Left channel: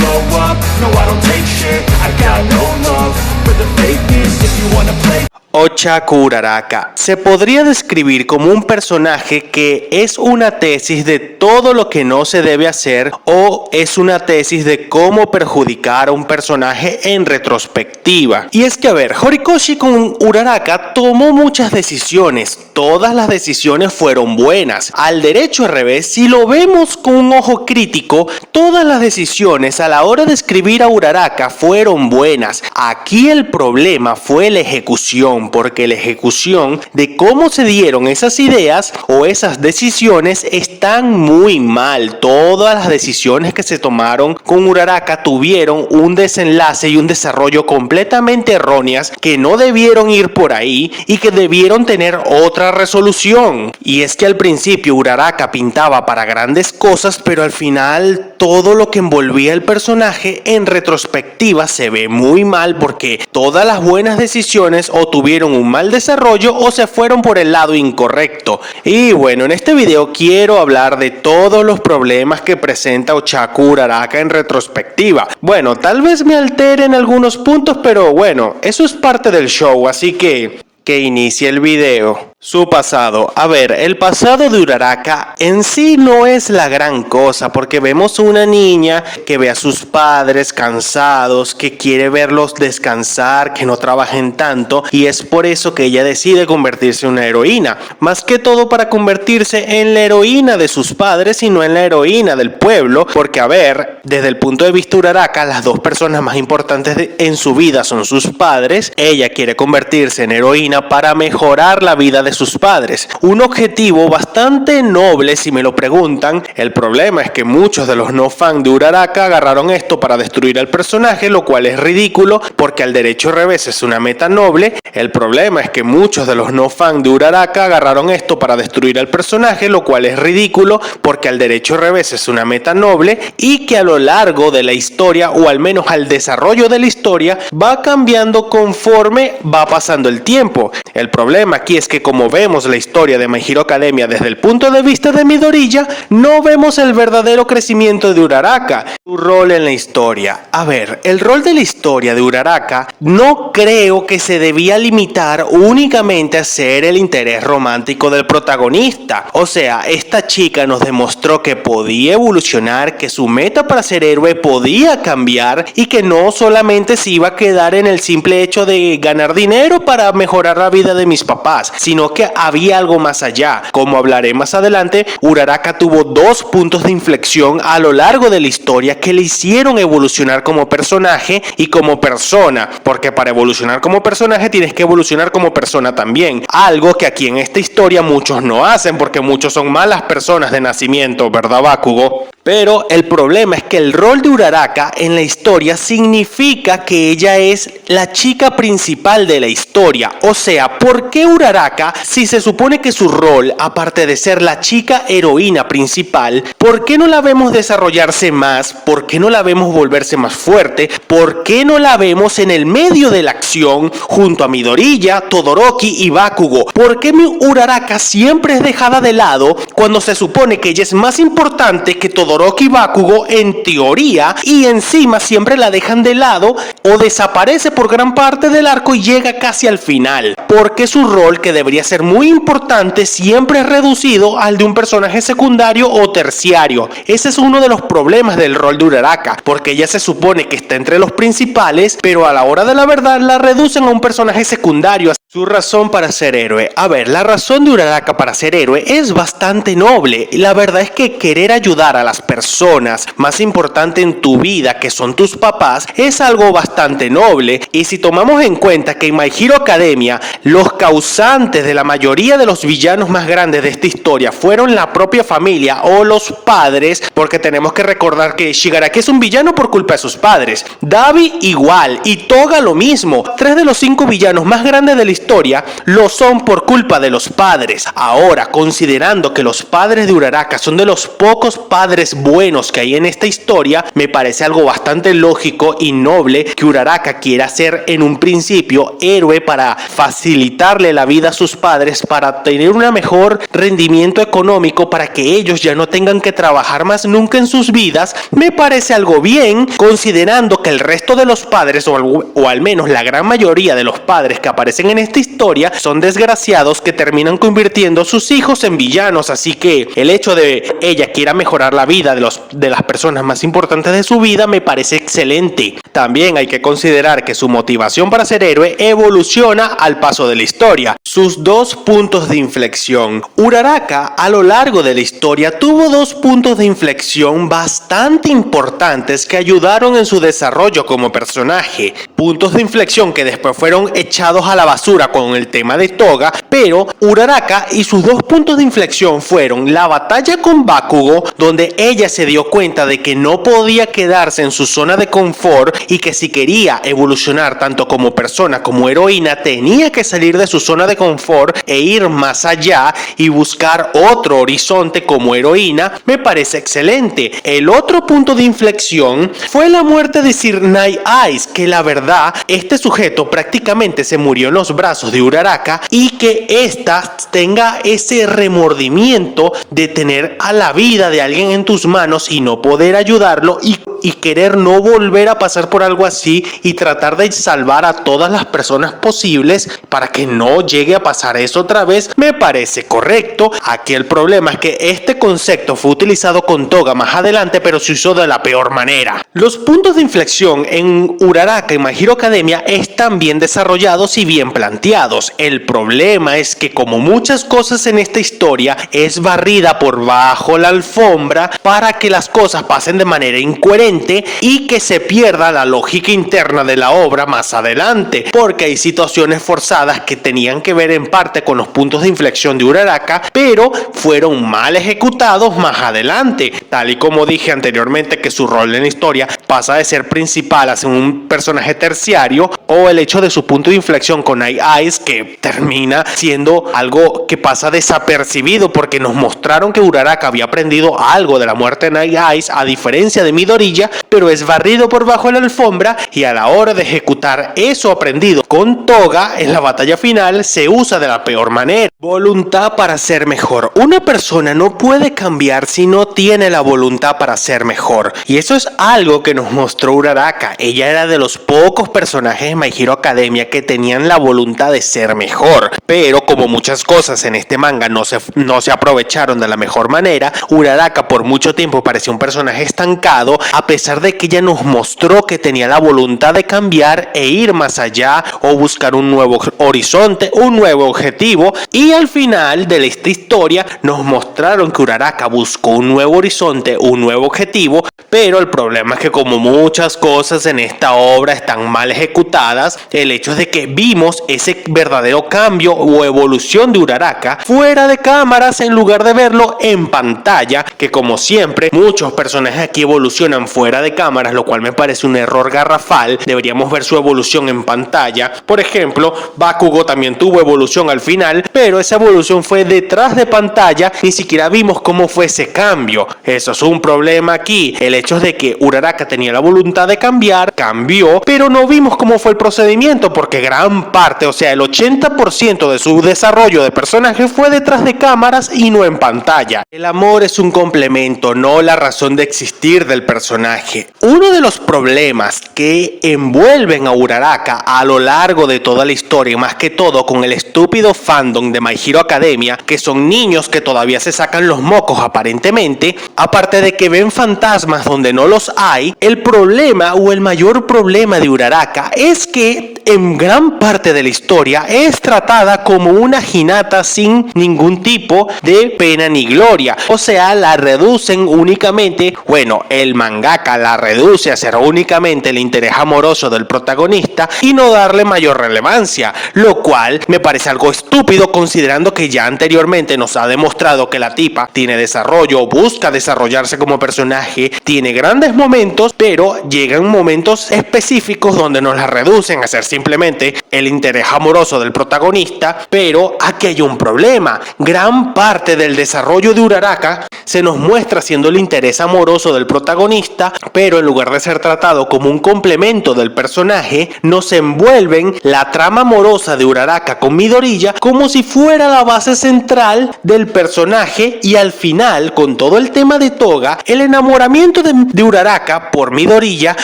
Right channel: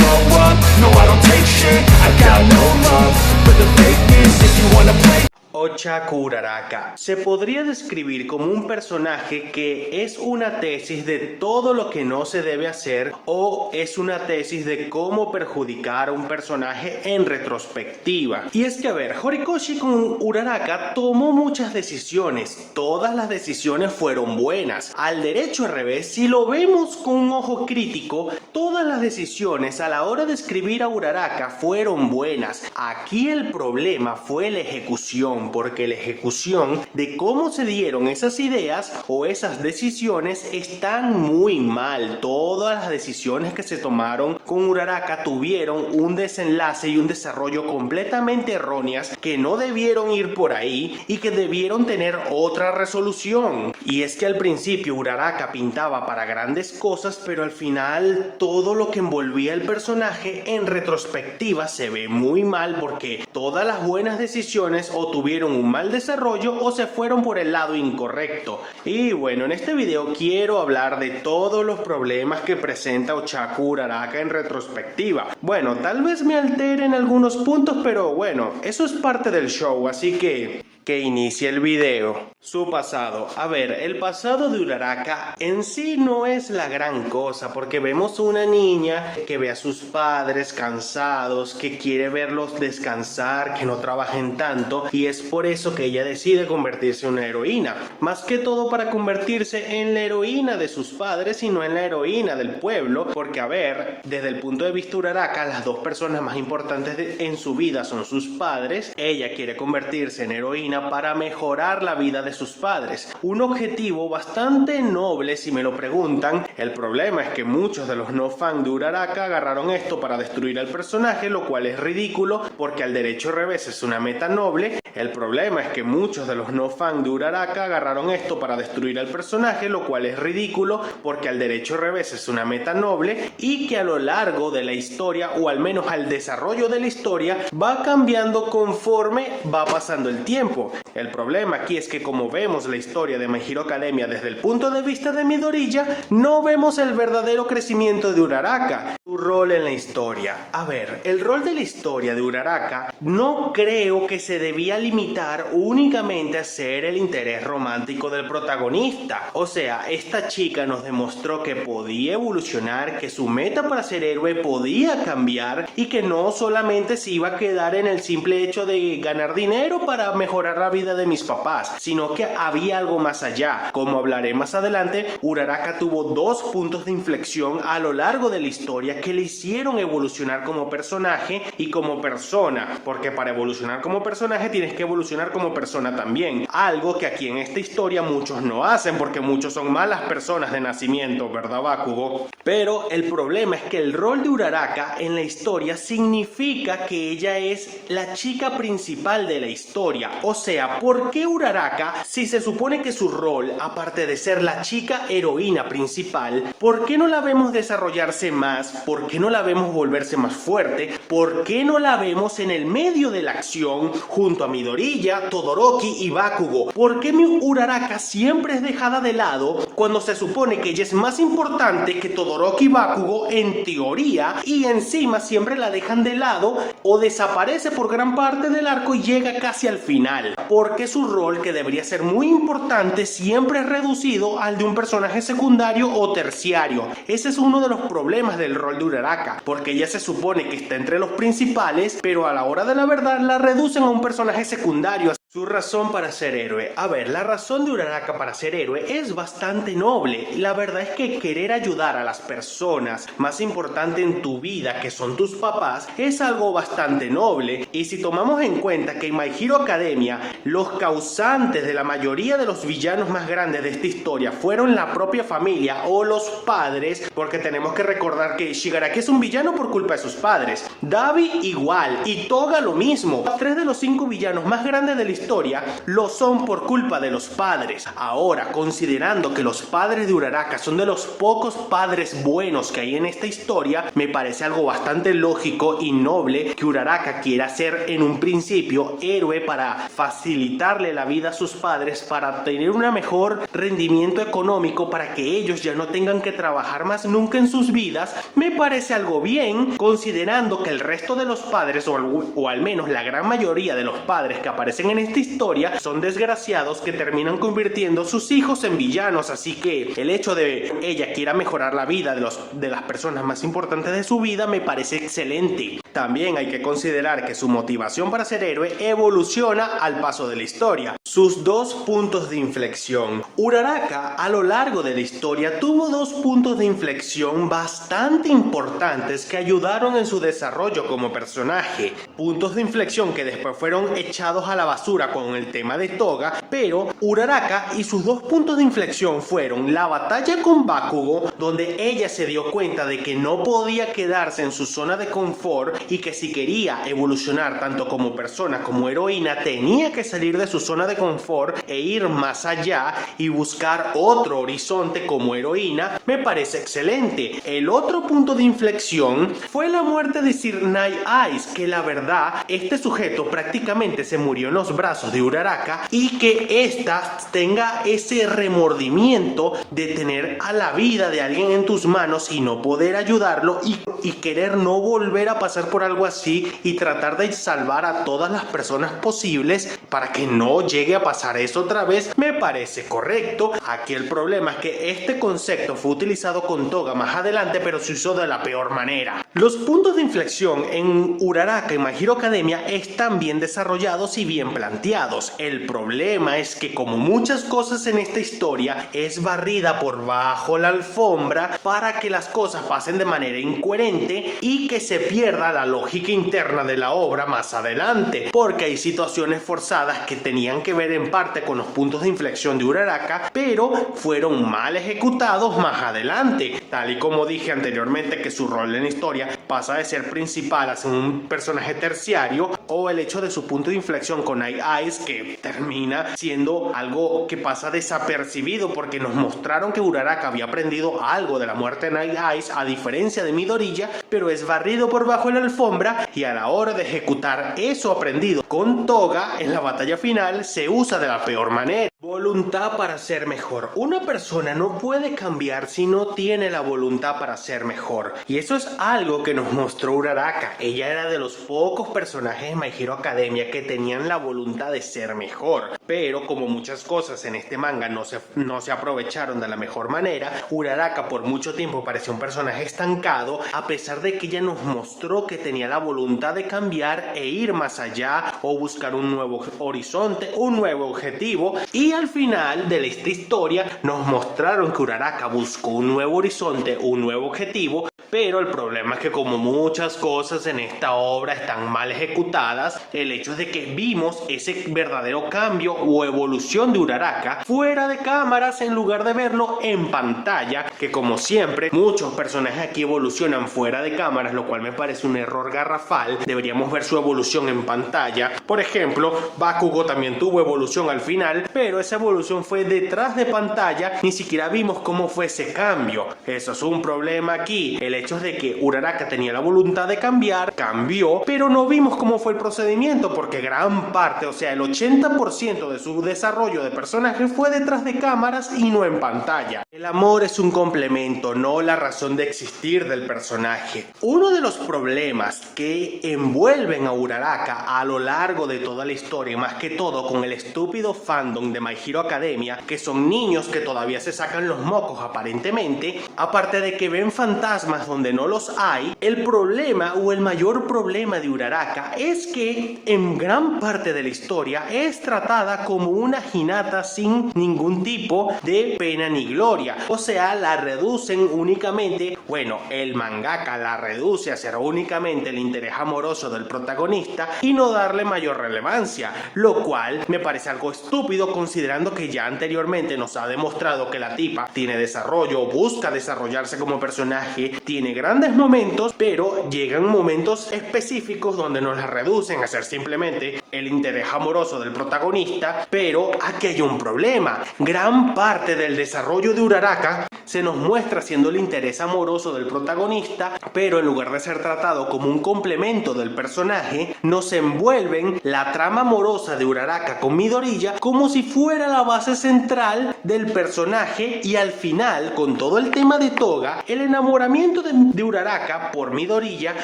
slow up, no I don't take shit. I got no love for the fakeness. If you wanna play Ochaku Uraraka se podría describir como un personaje que es una tesis de todo lo que no se debe hacer o es una tesis de cómo perjudicar a un personaje en retrospectiva. Y es que a ver, Horikoshi con Uraraka tomó muchas decisiones, todas las decisiones fueron buenas. Al derecho al revés, si lo vemos con un ojo crítico, todas las decisiones a la hora de escribir a Uraraka fueron buenas. Aquí el problema fue la ejecución, porque la ejecución de cómo se dieron esas ideas o esas decisiones están muy mal. Todas las decisiones que se tomaron con Uraraka tuvieron un desenlace y un desarrollo completamente erróneas que no debieron ir por ahí y que debieron tener otra resolución. Y es que al principio Uraraka pintaba para grandes cosas, pero al final todo lo que envolvía el personaje en retrospectiva se ve muy mal, porque todas las buenas decisiones o tuvieron un mal desarrollo o se fueron por el lado incorrecto. Y bueno, en este video quiero hablar de todos los problemas que presenta Ochaku Uraraka en retrospectiva. Bueno, tal vez me altere en algunos puntos, pero bueno, eso es parte del show, así que inicie el video. Su pasado. A ver, el pasado de Uraraka en sí no es la gran cosa, porque vemos una niña que ve a sus padres cansados, que quiere verlos descansar, que no trabajen tanto, y es por eso que ella decide convertirse en una heroína. Más que todo para convertirse en la heroína de sus padres y no en la heroína del pueblo, porque a ver, desde el punto de vista de Uraraka, las dos personas más importantes en su vida son sus padres. Ella quiere convertirse en heroína para mejorar la vida de sus padres. Un objetivo bastante noble si me lo preguntan. El problema es que muchos de los no fans de Uraraka agarraron esto para destruir al personaje, lo cual es ridículo porque al derecho revés es una meta noble. El problema es que muchos de los no fans de Uraraka agarraron esto para destruir al personaje, lo cual es ridículo porque al derecho revés es una meta noble, y que a lo largo de la historia, o al menos al desarrollo de la historia, va cambiando conforme va pasando el tiempo. El problema aquí es que como vemos la historia de My Hero Academia desde el punto de vista de Midoriya, no vemos el verdadero crecimiento de Uraraka, su rol en la historia. A ver, el rol de la historia de Uraraka no creo que se debía limitar únicamente a ser el interés romántico del protagonista. O sea, esta chica nos demostró que podía evolucionar, que su meta para ser héroe podía cambiar y que no solamente se iba a quedar en el simple hecho de ganar dinero para mejorar la vida de mis papás, sino que había algo más allá. Como hablaré más adelante, Uraraka tuvo dos puntos de inflexión a lo largo de la historia que le hicieron evolucionar como personaje y como persona, porque para evolucionar como personaje tienes que evolucionar como persona también, algo que aquí en esta historia muchos no hacen, porque muchos son malas personas de nacimiento, ¿verdad, Bakugo? Pero el problema es que el rol de Uraraka en la historia significa que ella es la chica principal de la historia. O sea, ¿por qué Uraraka, si se supone que su rol, aparte de ser la chica heroína principal, por qué no la vemos desarrollarse más? ¿Por qué no la vemos volverse más fuerte? ¿Por qué no la vemos en el medio de la acción junto a Midoriya, Todoroki y Bakugo? ¿Por qué mi Uraraka siempre es dejada de lado cuando se supone que ella es más importante que Todoroki y Bakugo en teoría, y encima siempre la dejan de lado o desaparece por gran parte del arco y llega casi al final? Porque su rol, que debería ser muy importante, siempre es reducido al de un personaje secundario o terciario. Ese es uno de los problemas del rol de Uraraka, porque ella se supone que está entre los principales, pero a la hora de la verdad la reducen a un personaje secundario. Su razón para ser héroe. A ver, la razón de Uraraka para ser héroe es bastante noble. La verdad es que querer ayudar a las personas más importante en tu vida, que son tus papás, es algo bastante noble. Y si tomamos en cuenta que en My Hero Academia los causantes de la mayoría de los villanos más grandes de esta historia fueron la propia familia o los padres, porque tenemos que recordar que Shigaraki es un villano por culpa de sus padres, Dabi igual, y Toga lo mismo. 3 de los 5 villanos más grandes de la historia lo son por culpa de los padres. Ahora, considerando que los padres de Uraraka son de los pocos padres buenos que hay en esta historia, me parece algo bastante lógico y noble que Uraraka quiera ser en un principio héroe para facilitarle la vida a sus padres, para tener un mejor rendimiento económico, para que ellos ya no tengan que trabajar más nunca en sus vidas. Me parece algo bien, considerando que el resto de los padres, o al menos la gran mayoría de los padres que aparecen en esta historia, son desgraciados que terminan convirtiendo a sus hijos en villanos. Así que el hecho de ella quiera mejorar la vida de las personas más importantes de su vida me parece excelente. También hay que considerar que su motivación para ser héroe evoluciona al paso de la historia. Sus dos puntos de inflexión. Uraraka a lo largo de la historia tuvo dos puntos de inflexión bastante importantes que ayudaron en su desarrollo como personaje. Puntos de inflexión que después fueron echados a la basura con el tema de Toga, pero Uraraka y sus dos puntos de inflexión fueron la batalla con Bakugo, donde ella se dio cuenta de que no podía quedarse en su zona de confort y que si quería evolucionar tanto como persona como heroína tenía que salir de su zona de confort e ir más allá y buscar otro horizonte como heroína. Me parece excelente. El otro punto de inflexión fue la muerte de Sir Night Eyes, que la verdad este sujeto prácticamente se murió en los brazos de Uraraka, y que ésta tenga ese remordimiento de tener a la vida de alguien en tus manos y no poder ayudarlo y querer no volver a pasar por algo así y tratar de salvar a todas las personas posibles para que no llegue a pasar eso otra vez, me parece correcto. Aquí el problema es que este concepto fue utilizado con Toga más adelante, pero se usó de la peor manera. Los puntos de inflexión en Uraraka y My Hero Academia están bien desarrollados y bien planteados. El problema es que, como muchas cosas en esta historia, es barrida por bajo la alfombra para que las cosas pasen de manera incoherente y que se pierda la lógica interna de la obra más adelante, porque hay situaciones forzadas que tenían que ver en parte con los puntos de inflexión de Uraraka, pero fueron mal ejecutados más adelante, tal y como dije anteriormente, que su rol en la historia pasa de ser principal a ser un personaje terciario, o el hecho de su punto de inflexión con Night Eyes, que termina siendo algo que pasa desapercibido porque nos mostraron que Uraraka había aprendido algo de la muerte de Night Eyes, a diferencia de Midoriya, pero es barrido por bajo de la alfombra, y a la hora de ejecutar eso aprendido con Toga en la batalla final se usa de la peor manera. Voluntad para ser mejor. Una persona no puede cambiar si no tiene la voluntad para ser mejor, y eso es algo que nos mostró Uraraka. Ella era de los pocos personajes de My Hero Academia que tenían la voluntad de ser mejor, pero como muchas cosas en este manga no se aprovecharon de la mejor manera, Uraraka por mucho tiempo parecía un personaje estancado, a pesar de que ella nos mostró que tenía la voluntad de cambiar e ir más allá o buscar un nuevo horizonte, un nuevo objetivo, y al final de esta historia nos mostraron que Uraraka buscó un nuevo horizonte, un nuevo objetivo, pero el problema es que, como muchas cosas en esta obra están mal ejecutadas, el hecho es de que vimos ese verdadero cambio o evolución de Uraraka fuera de cámaras en lugar de verlo en pantalla, que como siempre muchos personajes aquí evolucionan fuera de cámaras, lo cual me parece un error garrafal. Deberíamos ver su evolución en pantalla. Por ejemplo, Bakugo también tuvo evolución al final, pero esa evolución fue detrás de pantalla, ni siquiera vimos cómo fue ese cambio. Eso es un problema aquí. El hecho es de que Uraraka tenía la voluntad de cambiar, cambió, pero no vimos cómo fue el procedimiento, porque gran parte, o sea, el 80% de su desarrollo de personaje fue detrás de cámaras y no en pantalla. El amor es un complemento, no la razón de existir del personaje. Uno de los problemas que envuelven a Uraraka a lo largo de toda la historia, más que todo con el estúpido fandom de My Hero Academia, que son niños que todavía se sacan los mocos aparentemente, aparte de que ven fantasmas donde no los hay, el problema o el mayor problema de Uraraka es que en gran parte de la historia es tratada como una Hinata sin ningún tipo de pena ni gloria. O sea, la reducen únicamente, bueno, el mangaka la reduce a ser únicamente el interés amoroso del protagonista y no darle mayor relevancia, lo cual me parece algo estúpido, considerando que ya anteriormente nos ha demostrado que la tipa tiene desarrollo, busca desarrollarse como personaje, tiene grandes momentos, pero llegan momentos específicos donde nos la reducen a ser simplemente el interés amoroso del protagonista, pero aquí hay un problema. Gran parte del desarrollo de Uraraka se nos muestra siendo el interés amoroso del protagonista, pero en lugar de ser tratado como un complemento del personaje, nos envuelven la trama amorosa de Uraraka con Midoriya como si fuera la base central del personaje, y al final, con todo el tema de Toga, el enamoramiento de Uraraka por Midoriya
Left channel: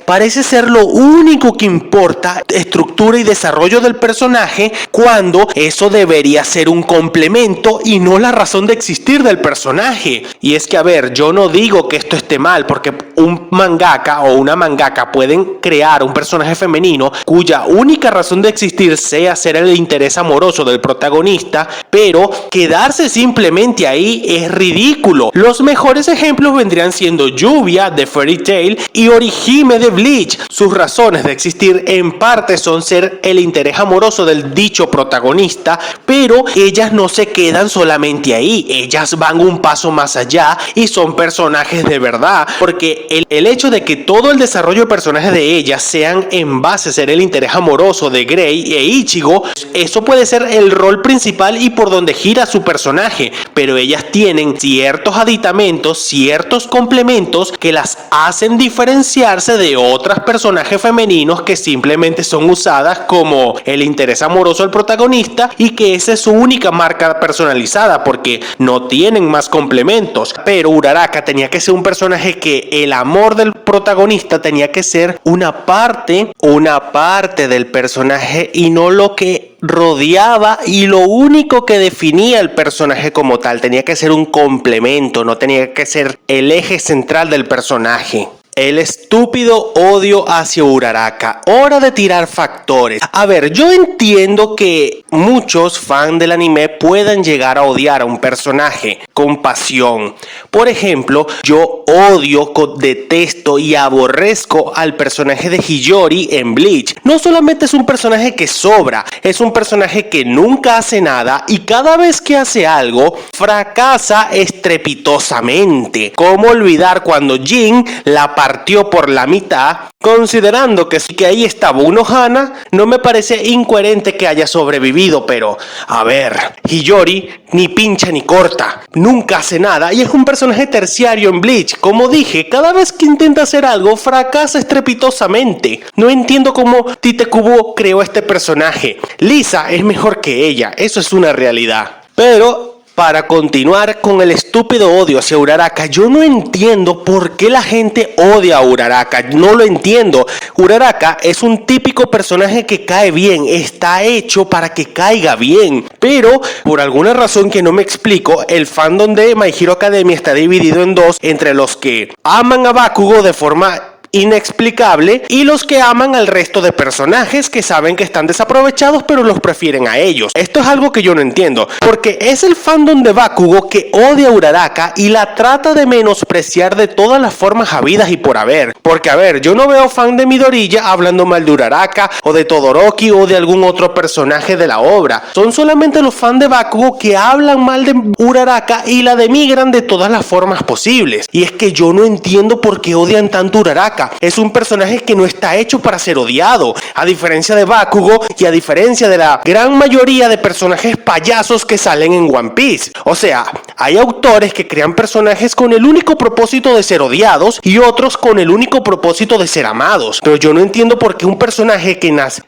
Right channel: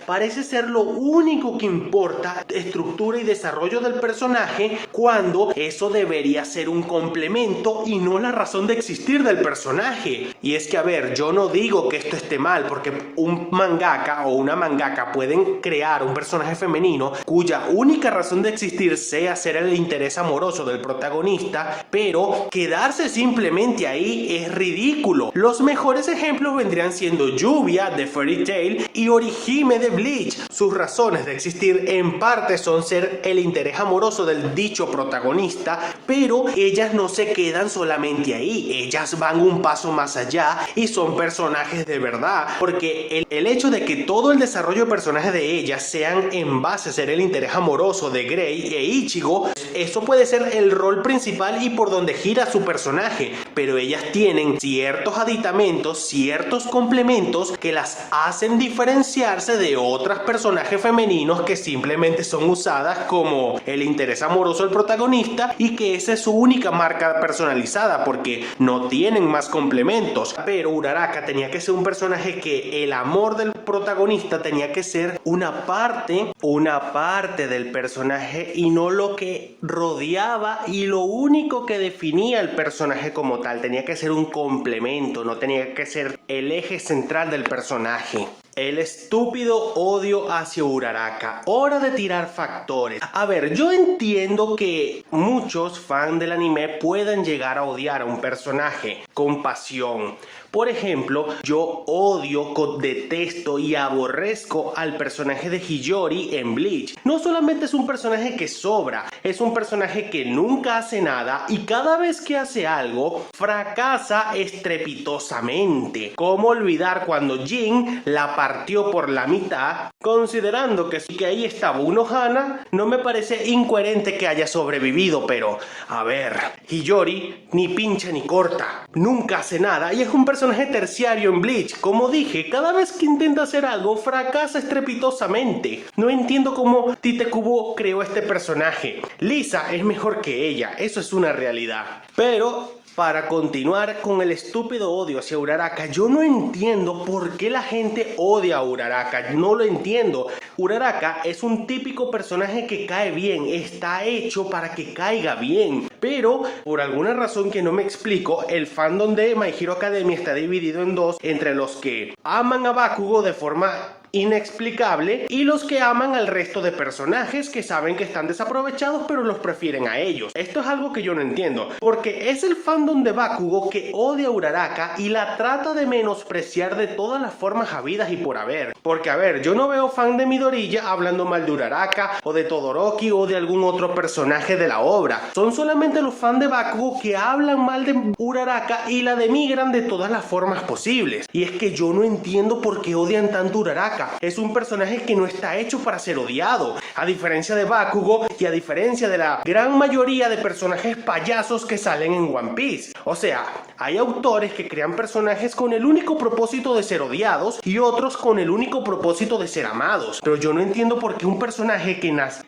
parece ser lo único que importa, estructura y desarrollo del personaje, cuando eso debería ser un complemento y no la razón de existir del personaje. Y es que, a ver, yo no digo que esto esté mal, porque un mangaka o una mangaka pueden crear un personaje femenino cuya única razón de existir sea ser el interés amoroso del protagonista, pero quedarse simplemente ahí es ridículo. Los mejores ejemplos vendrían siendo Lluvia de Fairy Tail y Orihime de Bleach. Sus razones de existir en parte son ser el interés amoroso del dicho protagonista, pero ellas no se quedan solamente ahí, ellas van un paso más allá y son personajes de verdad, porque el hecho de que todo el desarrollo de personajes de ellas sean en base a ser el interés amoroso de Grey e Ichigo, eso puede ser el rol principal y por donde gira su personaje, pero ellas tienen ciertos aditamentos, ciertos complementos que las hacen diferenciarse de otros personajes femeninos que simplemente son usadas como el interés amoroso del protagonista y que esa es su única marca personalizada, porque no tienen más complementos. Pero Uraraka tenía que ser un personaje que el amor del protagonista tenía que ser una parte del personaje y no lo que rodeaba y lo único que definía el personaje como tal. Tenía que ser un complemento, no tenía que ser el eje central del personaje. El estúpido odio hacia Uraraka. Hora de tirar factores. A ver, yo entiendo que muchos fans del anime puedan llegar a odiar a un personaje con pasión. Por ejemplo, yo odio, detesto y aborrezco al personaje de Hiyori en Bleach. No solamente es un personaje que sobra, es un personaje que nunca hace nada y cada vez que hace algo, fracasa estrepitosamente. ¿Cómo olvidar cuando Jin la partió por la mitad? Considerando que ahí estaba Unohana, no me parece incoherente que haya sobrevivido, pero a ver, Hiyori ni pincha ni corta, nunca hace nada y es un personaje terciario en Bleach. Como dije, cada vez que intenta hacer algo, fracasa estrepitosamente. No entiendo cómo Tite Kubo creó este personaje. Lisa es mejor que ella, eso es una realidad. Pero para continuar con el estúpido odio hacia Uraraka, yo no entiendo por qué la gente odia a Uraraka, no lo entiendo. Uraraka es un típico personaje que cae bien, está hecho para que caiga bien, pero por alguna razón que no me explico, el fandom de My Hero Academia está dividido en dos, entre los que aman a Bakugo de forma inexplicable y los que aman al resto de personajes que saben que están desaprovechados pero los prefieren a ellos. Esto es algo que yo no entiendo, porque es el fandom de Bakugo que odia a Uraraka y la trata de menospreciar de todas las formas habidas y por haber. Porque a ver, yo no veo fan de Midoriya hablando mal de Uraraka o de Todoroki o de algún otro personaje de la obra. Son solamente los fans de Bakugo que hablan mal de Uraraka y la denigran de todas las formas posibles. Y es que yo no entiendo por qué odian tanto a Uraraka. Es un personaje que no está hecho para ser odiado, a diferencia de Bakugo y a diferencia de la gran mayoría de personajes payasos que salen en One Piece. O sea, hay autores que crean personajes con el único propósito de ser odiados y otros con el único propósito de ser amados. Pero yo no entiendo por qué un personaje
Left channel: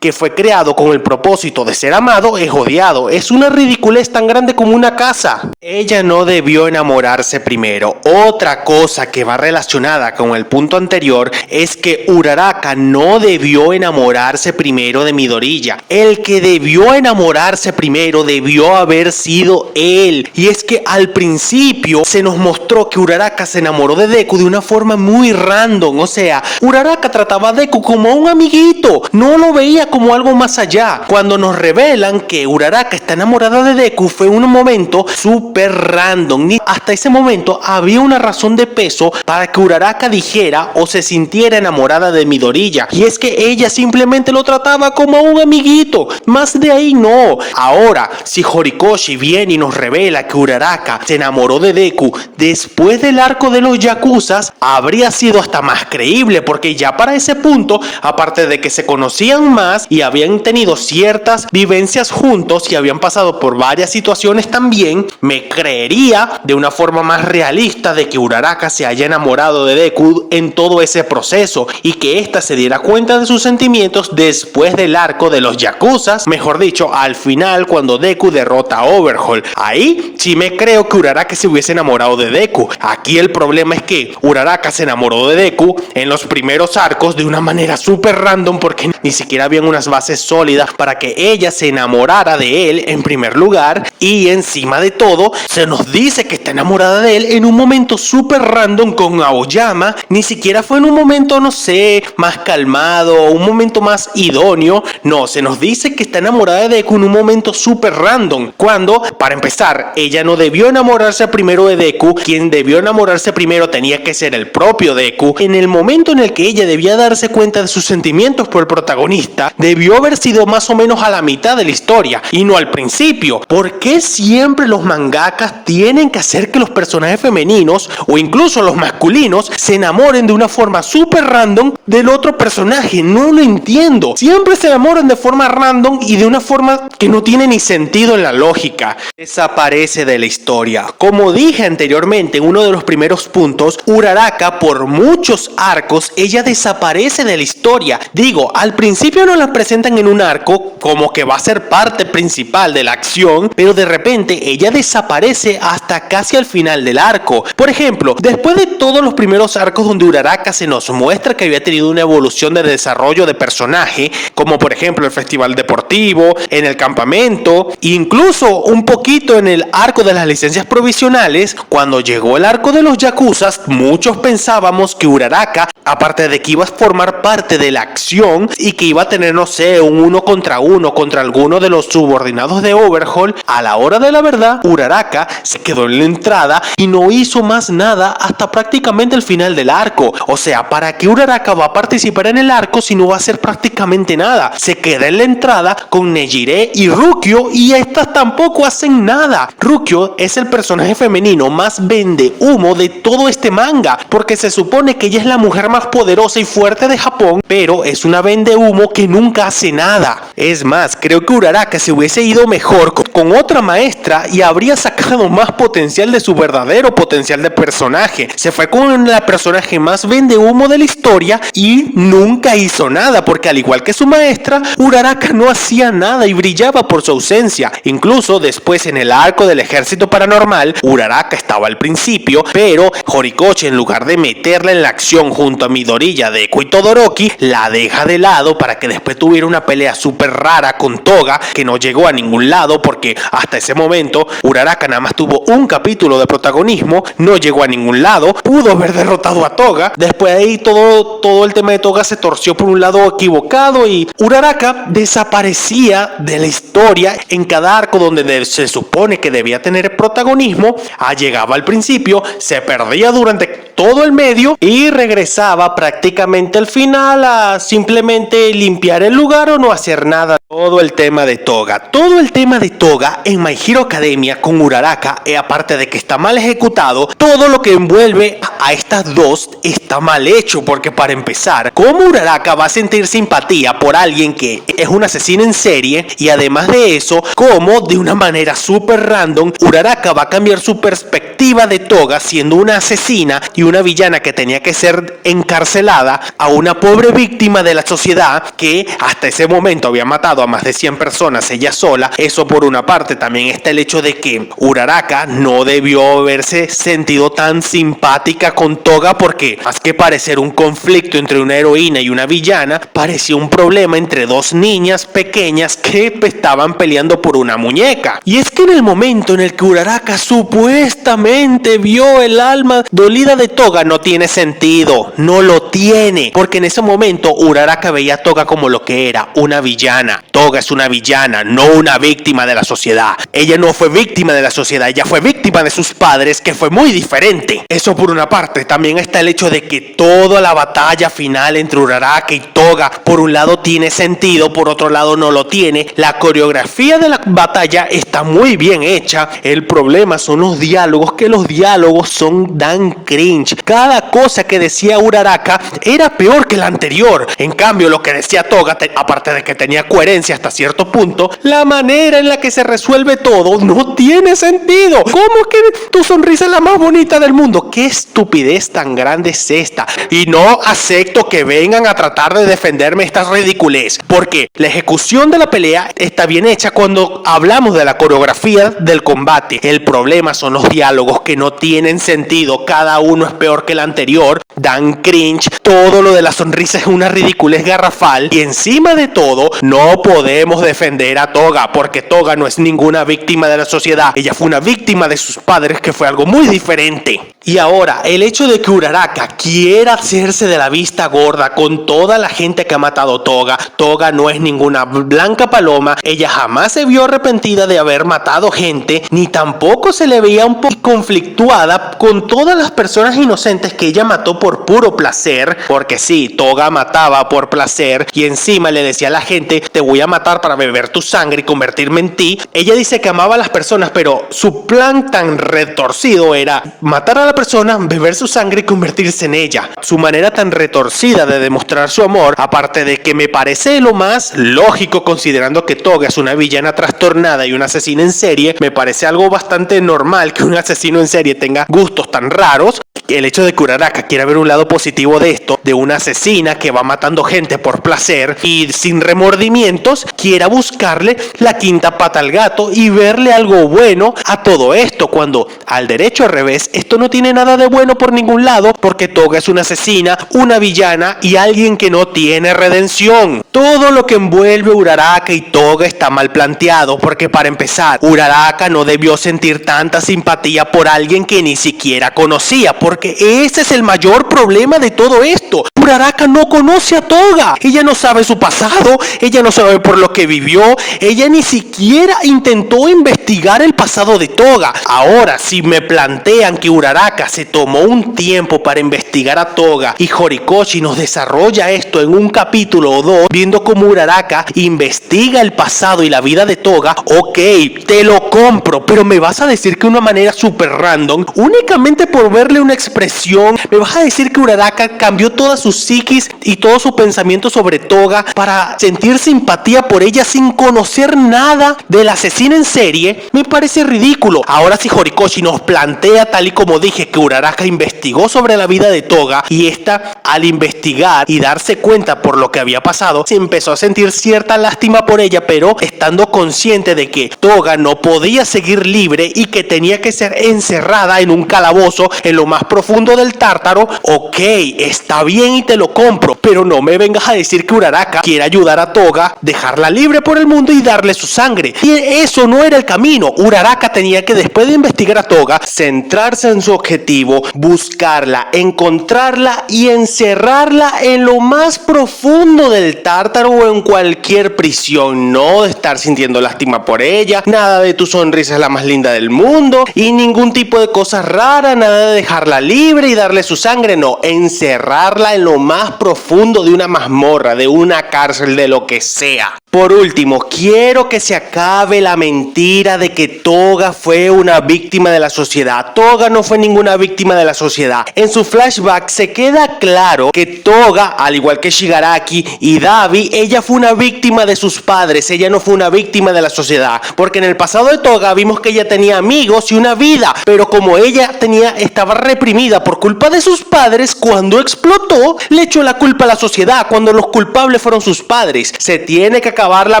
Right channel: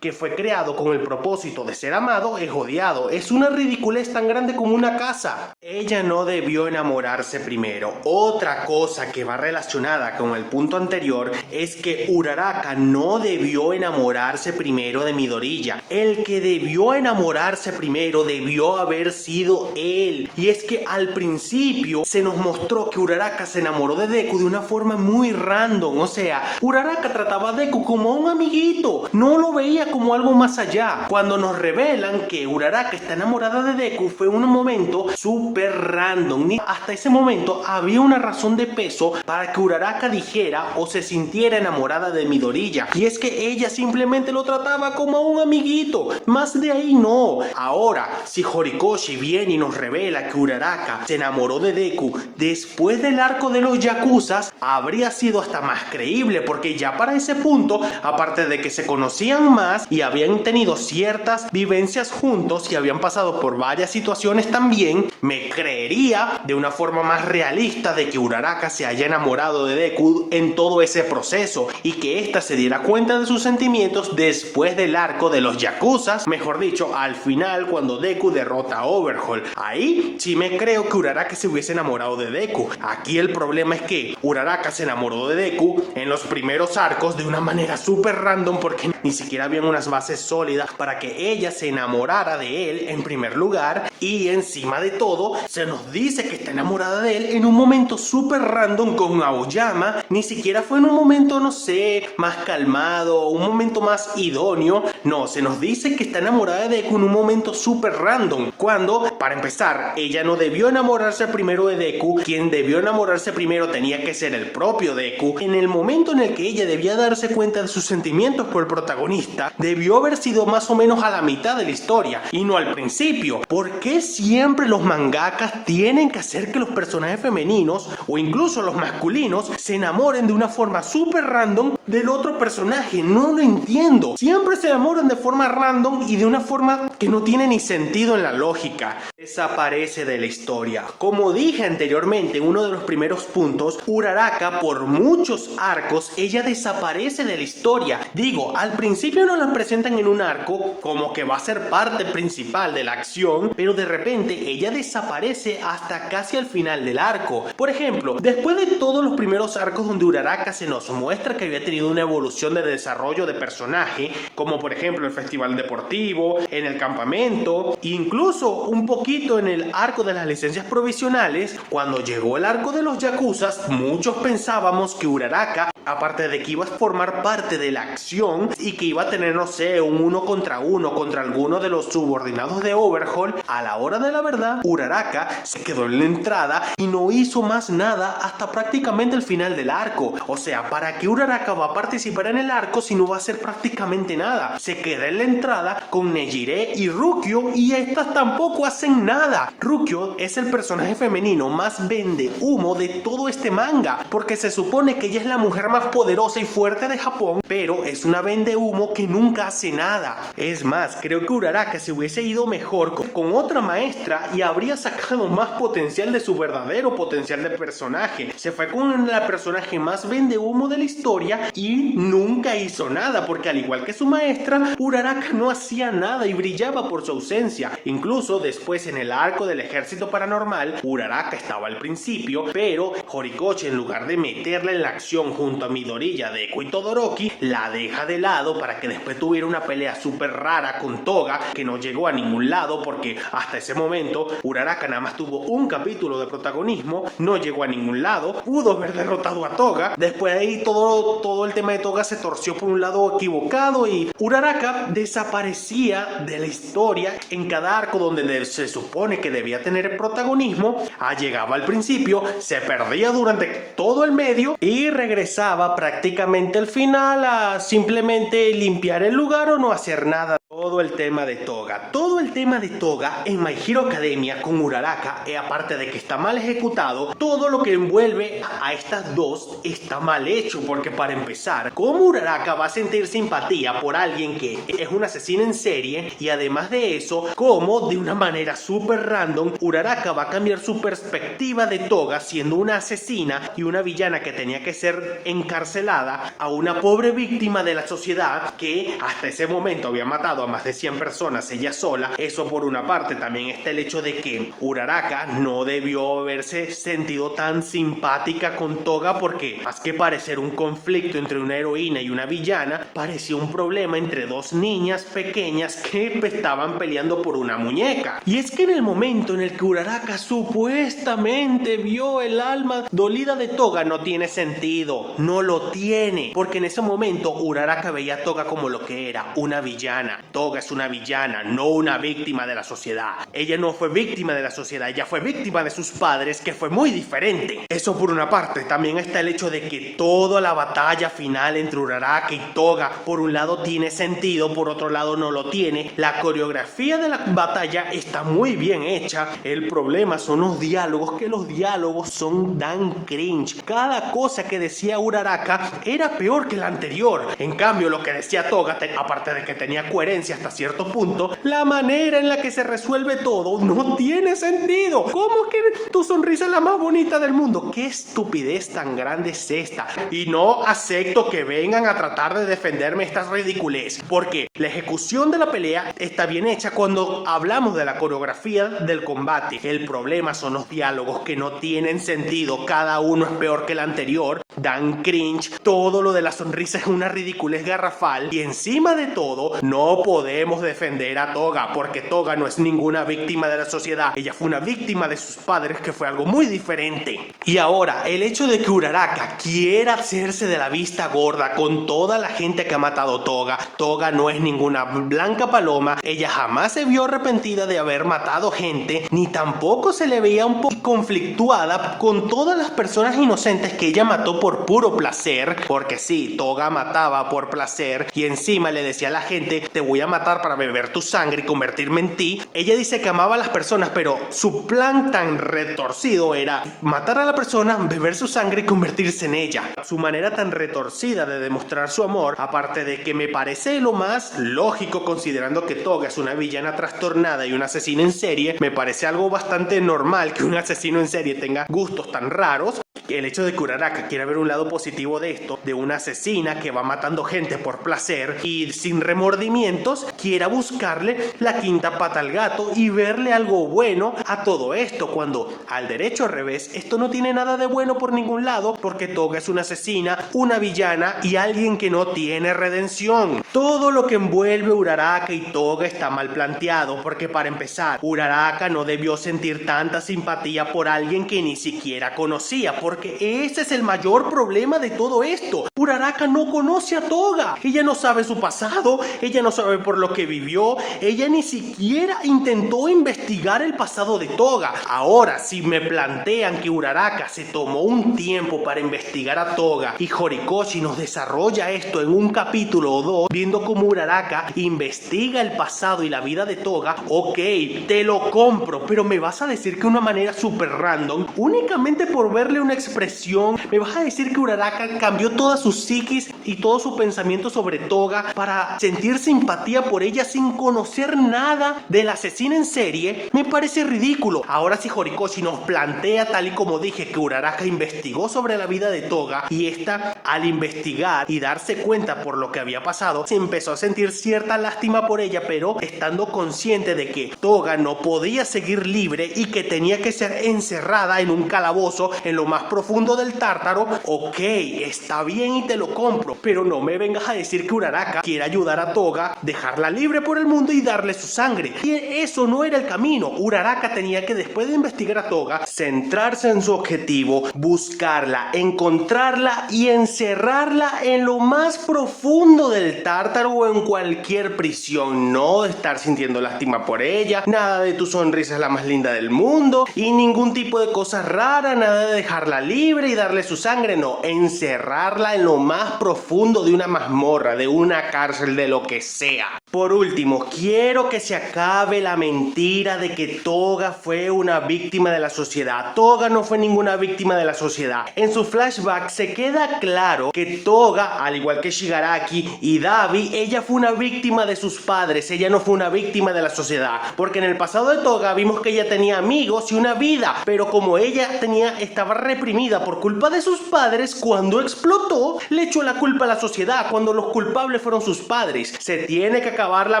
que fue creado con el propósito de ser amado es odiado. Es una ridiculez tan grande como una casa. Ella no debió enamorarse primero. Otra cosa que va relacionada con el punto anterior es que Uraraka no debió enamorarse primero de Midoriya. El que debió enamorarse primero debió haber sido él. Y es que al principio se nos mostró que Uraraka se enamoró de Deku de una forma muy random. O sea, Uraraka trataba a Deku como a un amiguito, no lo veía como algo más allá. Cuando nos revelan que Uraraka está enamorada de Deku fue un momento súper random. Hasta ese momento había una razón de peso para que Uraraka dijera o se sintiera sintiera enamorada de Midoriya, y es que ella simplemente lo trataba como a un amiguito, más de ahí no. Ahora, si Horikoshi viene y nos revela que Uraraka se enamoró de Deku después del arco de los Yakuzas, habría sido hasta más creíble, porque ya para ese punto, aparte de que se conocían más y habían tenido ciertas vivencias juntos y habían pasado por varias situaciones también, me creería de una forma más realista de que Uraraka se haya enamorado de Deku en todo ese proceso y que ésta se diera cuenta de sus sentimientos después del arco de los Yakuzas, mejor dicho, al final cuando Deku derrota a Overhaul. Ahí sí me creo que Uraraka se hubiese enamorado de Deku. Aquí el problema es que Uraraka se enamoró de Deku en los primeros arcos de una manera súper random, porque ni siquiera habían unas bases sólidas para que ella se enamorara de él en primer lugar, y encima de todo se nos dice que está enamorada de él en un momento súper random con Aoyama. Ni siquiera fue en un momento, no sé, más calmado, un momento más idóneo. No, se nos dice que está enamorada de Deku en un momento súper random, cuando, para empezar, ella no debió enamorarse primero de Deku. Quien debió enamorarse primero tenía que ser el propio Deku. En el momento en el que ella debía darse cuenta de sus sentimientos por el protagonista, debió haber sido más o menos a la mitad de la historia y no al principio. ¿Por qué siempre los mangakas tienen que hacer que los personajes femeninos o incluso los masculinos se enamoren de una forma súper random del otro personaje? No lo entiendo. Siempre se enamoran de forma random y de una forma que no tiene ni sentido en la lógica. Desaparece de la historia. Como dije anteriormente en uno de los primeros puntos, Uraraka por muchos arcos ella desaparece de la historia. Digo, al principio nos la presentan en un arco como que va a ser parte principal de la acción, pero de repente ella desaparece hasta casi al final del arco. Por ejemplo, después de todos los primeros arcos donde Uraraka se nos muestra que había tenido una evolución de desarrollo de personaje, como por ejemplo el festival deportivo, en el campamento, incluso un poquito en el arco de las licencias provisionales, cuando llegó el arco de los Yakuzas, muchos pensábamos que Uraraka, aparte de que iba a formar parte de la acción y que iba a tener, no sé, un 1 contra 1 contra alguno de los subordinados de Overhaul, a la hora de la verdad, Uraraka se quedó en la entrada y no hizo más nada hasta prácticamente el final del arco. O sea, ¿para qué Uraraka va a participar en el arco si no va a hacer prácticamente nada? Se queda en la entrada con Nejire y Rukyo y estas tampoco hacen nada. Rukyo es el personaje femenino más vende humo de todo este manga, porque se supone que ella es la mujer más poderosa y fuerte de Japón, pero es una vende humo que nunca hace nada. Es más, creo que Uraraka se hubiese ido mejor con otra maestra y habría sacado más potencial de su verdadero potencial de personaje. Se fue con la personaje más vende humo de la historia y nunca hizo nada, porque al igual que su maestra, Uraraka no hacía nada y brillaba por su ausencia. Incluso después en el arco del ejército paranormal, Uraraka estaba al principio, pero Horikoshi, en lugar de meterla en la acción junto a Midoriya, Deku y Todoroki, la deja de lado para que después tuviera una pelea súper rara con Toga que no llegó a ningún lado, porque hasta ese momento Uraraka nada más tuvo un capítulo de protagonismo, no llegó a ningún lado, pudo haber derrotado a Toga. Después de ahí todo el tema de Toga se torció por un lado equivocado y Uraraka desaparecía de la historia en cada arco donde se supone que debía tener protagonismo. Llegaba al principio, se perdía durante todo el medio y regresaba prácticamente al final a simplemente limpiar el lugar o no hacer nada. Todo el tema de Toga en My Hero Academia con Uraraka, aparte de que está mal ejecutado, todo lo que envuelve a estas dos está mal hecho, porque para empezar, ¿cómo Uraraka va a sentir simpatía por alguien que es un asesino en serie? Y además de eso, ¿cómo de una manera súper random Uraraka va a cambiar su perspectiva de Toga, siendo una asesina y una villana que tenía que ser encarcelada, a una pobre víctima de la sociedad que hasta ese momento había matado a más de 100 personas ella sola? Eso por una parte. También está el hecho de que Uraraka no debió haberse sentido tan simpática con Toga, porque más que parecer un conflicto entre una heroína y una villana, parecía un problema entre dos niñas pequeñas que estaban peleando por una muñeca. Y es que en el momento en el que Uraraka supuestamente vio el alma dolida de Toga, no tiene sentido, no lo tiene, porque en ese momento Uraraka veía a Toga como lo que era, una villana. Toga es una villana, no una víctima de la sociedad. Ella no fue víctima de la sociedad, ella fue víctima de sus padres, que fue muy diferente. Eso por una parte. También está el hecho de que toda la batalla final entre Uraraka y Toga, por un lado tiene sentido, por otro lado no lo tiene. La coreografía de la batalla está muy bien hecha. El problema son los diálogos, que los diálogos dan cringe. Cada cosa que decía Uraraka era peor que la anterior. En cambio, lo que decía Toga, aparte de que tenía coherencia hasta cierto punto, la manera en la que se resuelve todo no tiene sentido. ¿Cómo es que tu sonrisa es la más bonita del mundo? ¿Qué estupidez tan grande es esta? Y no acepto que vengan a tratar de defenderme esta ridiculez, porque la ejecución de la pelea está bien hecha cuando hablamos de la coreografía del combate. El problema son los diálogos que no tienen sentido, cada uno es peor que el anterior, dan cringe, todo lo de la sonrisa es una ridiculez garrafal, y encima de todo no podemos defender a Toga, porque Toga no es ninguna víctima de la sociedad, ella fue una víctima de sus padres, que fue algo muy diferente. Y ahora, el hecho de que Uraraka quiera hacerse de la vista gorda con toda la gente que ha matado a Toga. Toga no es ninguna blanca paloma, ella jamás se vio arrepentida de haber matado gente, ni tampoco se le veía un poco conflictuada con todas las personas inocentes que ella mató por puro placer, porque sí, Toga mataba por placer y encima le decía a la gente, te voy a matar para beber tu sangre y convertirme en ti. Ella dice que amaba a las personas, pero su plan tan retorcido era matar a la persona, beber su sangre y convertirse en ella. Su manera tan retorcida de demostrar su amor, aparte de que me parece lo más lógico considerando que Toga es una villana trastornada y una asesina en serie, me parece algo bastante normal que un asesino en serie tenga gustos tan raros. El hecho de que Uraraka quiera ver un lado positivo de esto, de una asesina que va matando gente por placer y sin remordimientos, quiera buscarle la quinta pata al gato y verle algo bueno a todo esto, cuando al derecho al revés, esto no tiene nada de bueno por ningún lado, porque Toga es una asesina, una villana y alguien que no tiene redención. Todo lo que envuelve Uraraka y Toga está mal planteado, porque para empezar, Uraraka no debió sentir tanta simpatía por alguien que ni siquiera conocía, porque ese es el mayor problema de todo esto. Uraraka no conoce a Toga, ella no sabe su pasado, ella no sabe por lo que vivió, ella ni siquiera intentó investigar el pasado de Toga. Ahora, si me plantean que Uraraka se tomó un tiempo para investigar a Toga y Horikoshi nos desarrolla esto en un capítulo o dos, viendo cómo Uraraka investiga el pasado y la vida de Toga, ok, te lo compro, pero me vas a decir que de una manera súper random, únicamente por verle una expresión, me vas a decir que Uraraka cambió toda su psiquis y todo su pensamiento sobre Toga para sentir simpatía por ella sin conocer nada del asesino en serie. Me parece ridículo. Ahora si Horikoshi nos plantea tal y como dije que Uraraka investigó sobre la vida de Toga y esta al investigar y darse cuenta por lo que había pasado se empezó a sentir cierta lástima por ella, pero estando consciente de que Toga no podía seguir libre y que tenía que ser encerrada en un calabozo en lo más profundo del Tártaro, ok, está bien y te lo compro, pero no me vengas a decir que Uraraka quiere ayudar a Toga, dejarla libre por el mundo y darle su sangre. Y eso no era el camino. Uraraka tenía que, después de investigar a Toga, centrarse en su objetivo, buscarla, encontrarla y encerrarla en lo más profundo del Tártaro o en cualquier prisión. No de estar sintiendo lástima por ella, nada de tu sonrisa es la más linda del mundo y ningún tipo de cosa rara, nada de dejarla libre y darle su sangre, no, encerrarla en lo más profundo de una mazmorra, de una cárcel, de lo que sea. Por último, quiero que se acabe la mentira de que Toga fue una víctima de la sociedad. Toga no fue ninguna víctima de la sociedad. En su flashback se queda claro que Toga, al igual que Shigaraki y Dabi, ella fue una víctima de sus padres, ella no fue una víctima de la sociedad, porque en el pasado de Toga vimos que ella tenía amigos y una vida, pero como ella estaba reprimida por culpa de sus padres, cuando explotó, le echó la culpa a la sociedad, cuando los culpables fueron sus padres. Se tiene que acabar la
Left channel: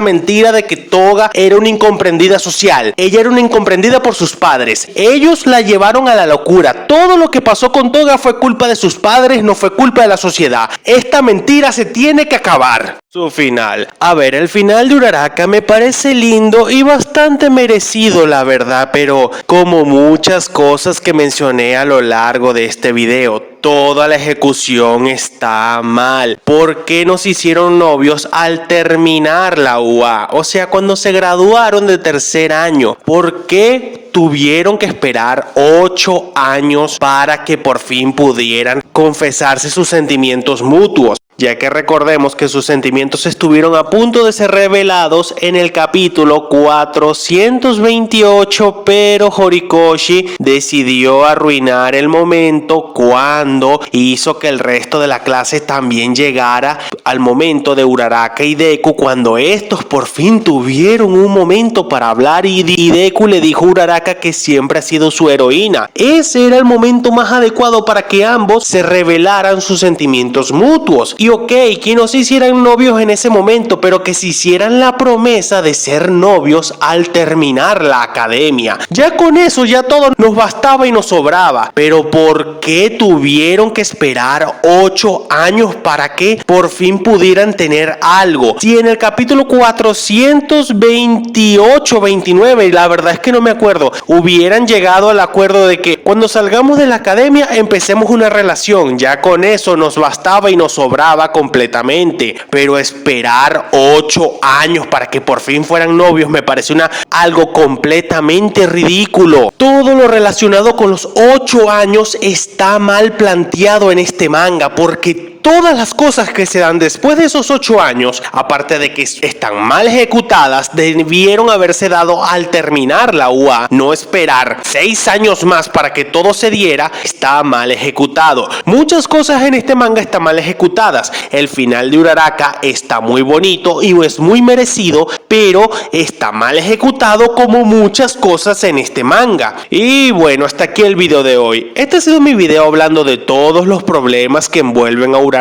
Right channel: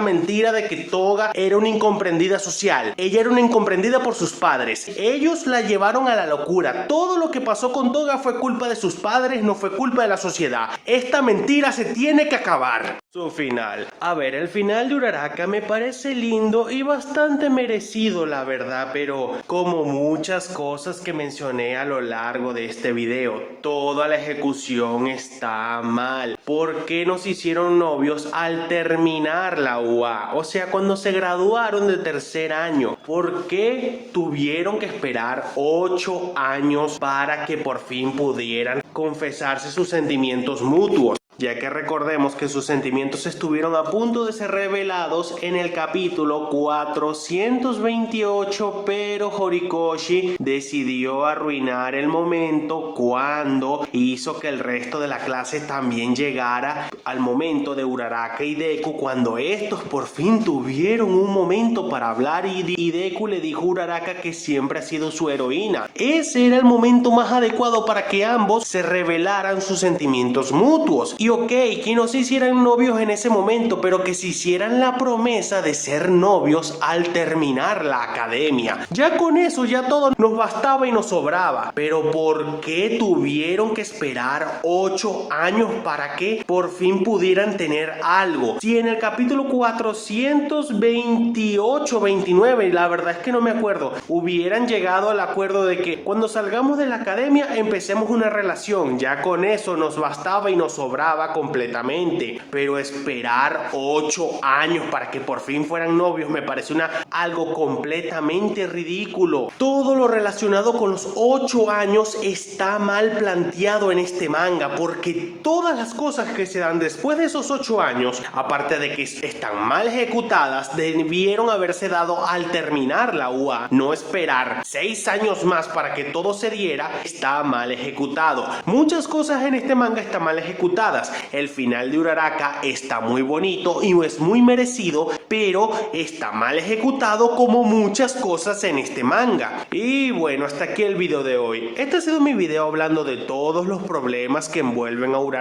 mentira de que Toga era una incomprendida social. Ella era una incomprendida por sus padres. Ellos la llevaron a la locura. Todo lo que pasó con Toga fue culpa de sus padres, no fue culpa de la sociedad. Esta mentira se tiene que acabar. su final. A ver, el final de Uraraka me parece lindo y bastante merecido, la verdad, pero como muchas cosas que mencioné a lo largo de este video, toda la ejecución está mal. ¿Por qué no se hicieron novios al terminar la UA? O sea, cuando se graduaron de tercer año. ¿Por qué tuvieron que esperar 8 años para que por fin pudieran confesarse sus sentimientos mutuos? Ya que recordemos que sus sentimientos estuvieron a punto de ser revelados en el capítulo 428, pero Horikoshi decidió arruinar el momento cuando hizo que el resto de la clase también llegara al momento de Uraraka y Deku, cuando estos por fin tuvieron un momento para hablar y Deku le dijo a Uraraka que siempre ha sido su heroína. Ese era el momento más adecuado para que ambos se revelaran sus sentimientos mutuos. Y ok, que no se hicieran novios en ese momento, pero que se hicieran la promesa de ser novios al terminar la academia. Ya con eso ya todo nos bastaba y nos sobraba. Pero ¿por qué tuvieron que esperar 8 años para que por fin pudieran tener algo? Si en el capítulo 428-29, la verdad es que no me acuerdo, hubieran llegado al acuerdo de que cuando salgamos de la academia empecemos una relación, ya con eso nos bastaba y nos sobraba completamente. Pero esperar 8 años para que por fin fueran novios me parece algo completamente ridículo. Todo lo relacionado con los 8 años está mal planteado en este manga, porque todas las cosas que se dan después de esos 8 años, aparte de que están mal ejecutadas, debieron haberse dado al terminar la UA. No esperar 6 años más para que todo se diera, está mal ejecutado. Muchas cosas en este manga están mal ejecutadas. El final de Uraraka está muy bonito y es muy merecido, pero está mal ejecutado como muchas cosas en este manga. Y bueno, hasta aquí el video de hoy. Este ha sido mi video hablando de todos los problemas que envuelven a Uraraka.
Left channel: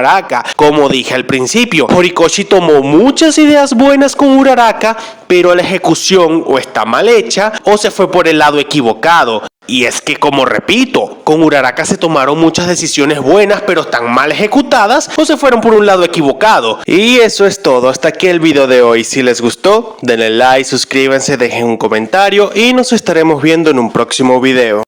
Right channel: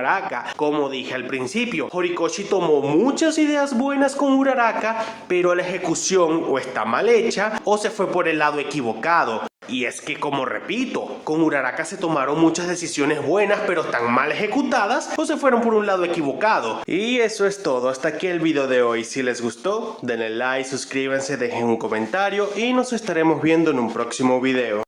Como dije al principio, Horikoshi tomó muchas ideas buenas con Uraraka, pero la ejecución o está mal hecha o se fue por el lado equivocado. Y es que, como repito, con Uraraka se tomaron muchas decisiones buenas, pero están mal ejecutadas o se fueron por un lado equivocado. Y eso es todo, hasta aquí el video de hoy. Si les gustó, denle like, suscríbanse, dejen un comentario y nos estaremos viendo en un próximo video.